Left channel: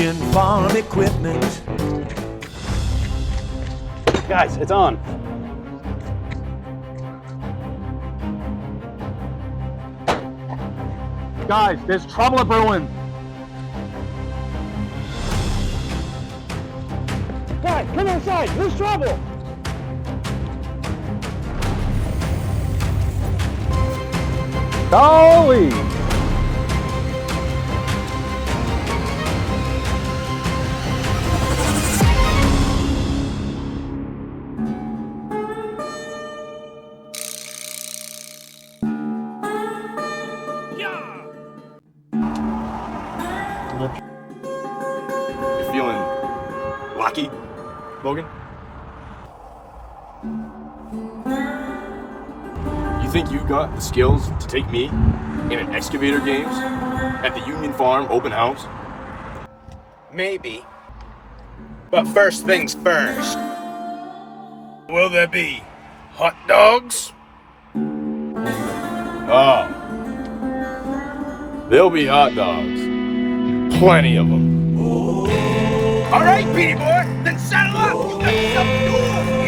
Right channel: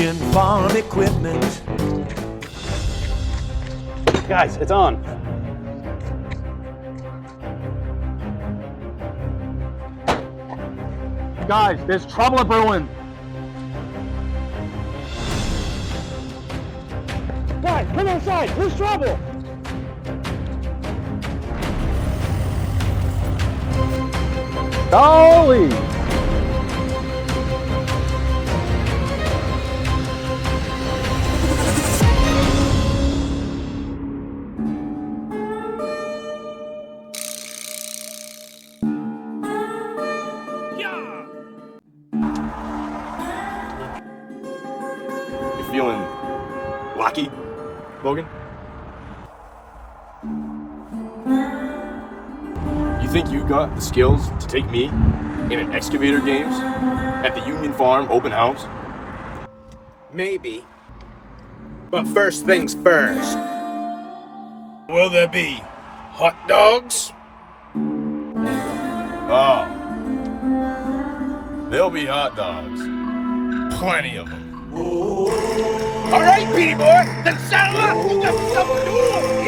Union Farm Equipment. Guys, it's on. Guys, there's trouble brewing. Guys, come inside. There's trouble. Golly. You feeling lucky, Logan? You think you got the skills to take me in an Excavator games at the Union Farm open house? Maybe. But first things first. Will there be hot dogs? Oh. There'll be hot dogs. Plenty of them. All right, Petey boy, then saddle up. You got stuff to do.